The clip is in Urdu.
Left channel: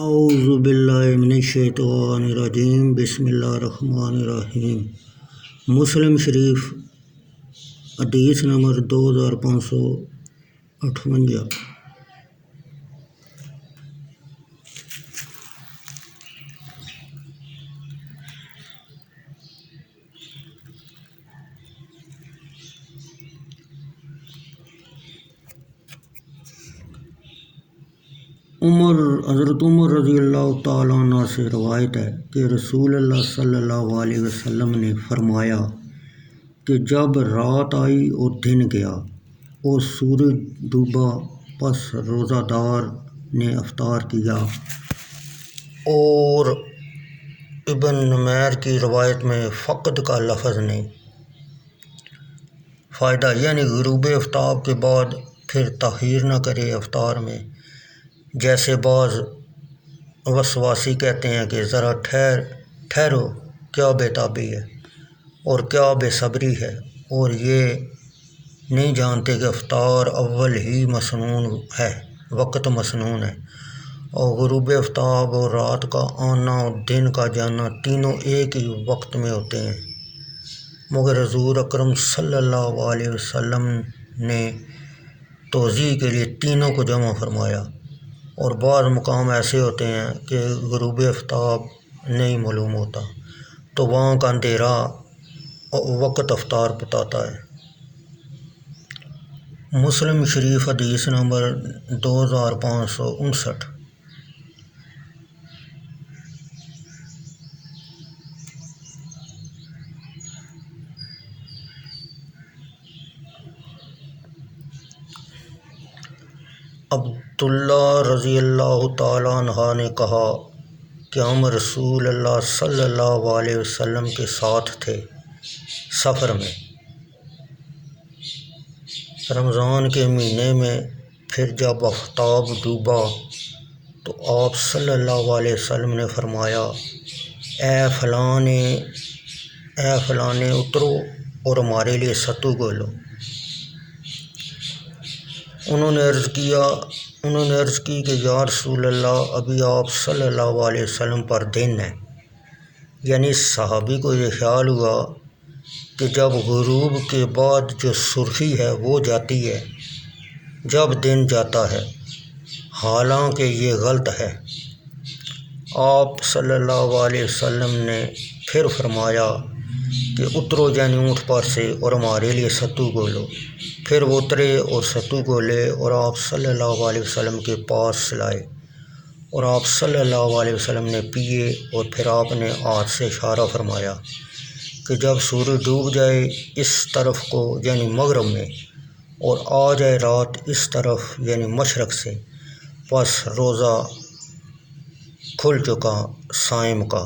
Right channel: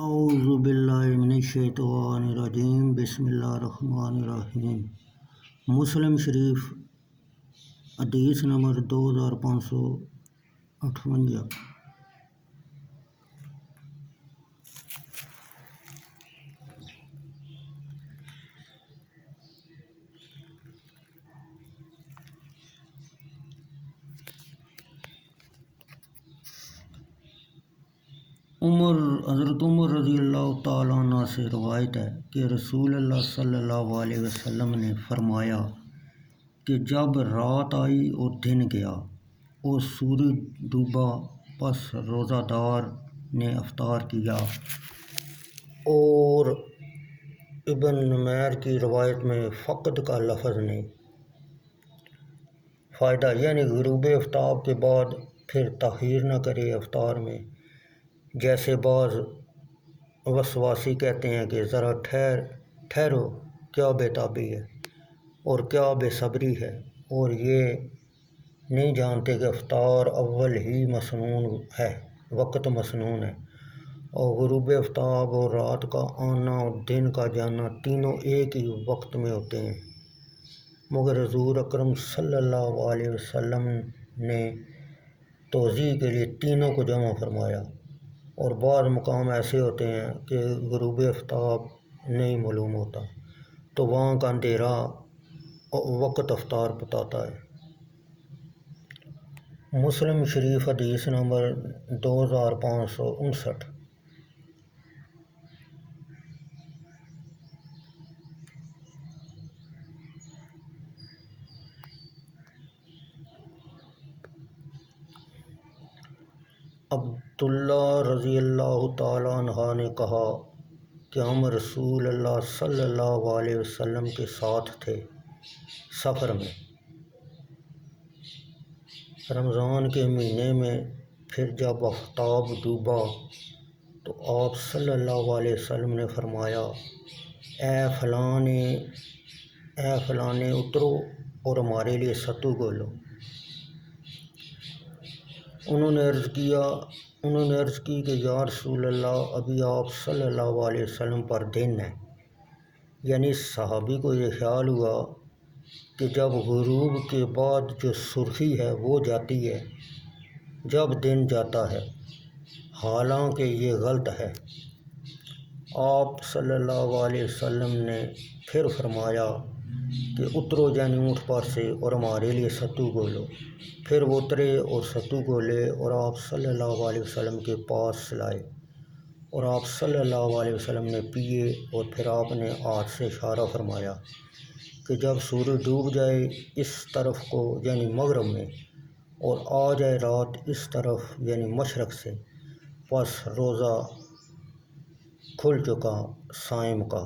اعوذ باللہ من الشیطان الرجیم بسم اللہ الرحمن الرحیم۔ مسلم شریف حدیث نمبر 2558۔ حضرت عمر رضی اللہ تعالیٰ عنہ سے روایت ہے کہ رسول اللہ صلی اللہ علیہ وسلم نے فرمایا کہ جب رات آئی اور دن گیا اور سورج ڈوبا، پس روزہ دار نے افطار کیا۔ اور ابن نمیر کی روایت میں فقد کا لفظ نہیں۔ فائدہ یعنی غروب آفتاب کے بعد پھر تاخیر نہ کرے افطار میں، جیسے بعض وسواسی کہتے ہیں کہ ذرا ٹھہرو، کیا بے تابی ہے اور کیا بے صبری ہے، اور یہ نہیں جانتے کہ افطار اول ہی مسنون ہے، وقت مسنون ہے، اور غروب آفتاب اور رات کا آنا اور دن کا جانا تینوں ایک ہی وقت میں ہوتے ہیں، مگر حضور اکرم صلی اللہ علیہ وسلم نے توضیح کے لیے تینوں کو جمع فرمایا۔ اور بعض مقام ایسے ہوتے ہیں کہ غروب آفتاب نہیں معلوم ہوتا، تو وہاں کا اندھیرا وقت افطار بتاتا ہے۔ مسلم شریف حدیث نمبر 2559۔ عبداللہ رضی اللہ تعالیٰ عنہ نے کہا کہ ہم رسول اللہ صلی اللہ علیہ وسلم کے ساتھ تھے سفر میں رمضان کے مہینے میں۔ پھر جب آفتاب ڈوبا تو آپ صلی اللہ علیہ وسلم نے فرمایا، اے فلانے اترو اور ہمارے لیے ستو گولو۔ انہوں نے عرض کی کہ یا رسول اللہ، ابھی آپ صلی اللہ علیہ وسلم پر دن ہے۔ یعنی صحابی کو یہ خیال ہوا کہ جب غروب کے بعد جو سرخی ہے وہ جاتی ہے جب دن جاتا ہے، حالانکہ یہ غلط ہے۔ آپ صلی اللہ علیہ وسلم نے پھر فرمایا کہ اترو یعنی اونٹ پر سے اور ہمارے لیے ستو گولو۔ پھر وہ اترے اور ستو گولے اور آپ صلی اللہ علیہ وسلم کے پاس لائے، اور آپ صلی اللہ علیہ وسلم نے پیے، اور پھر آپ نے ہاتھ سے اشارہ فرمایا کہ جب سورج ڈوب جائے اس طرف کو یعنی مغرب میں، اور آ جائے رات اس طرف یعنی مشرق سے، پس روزہ کھل چکا صائم کا۔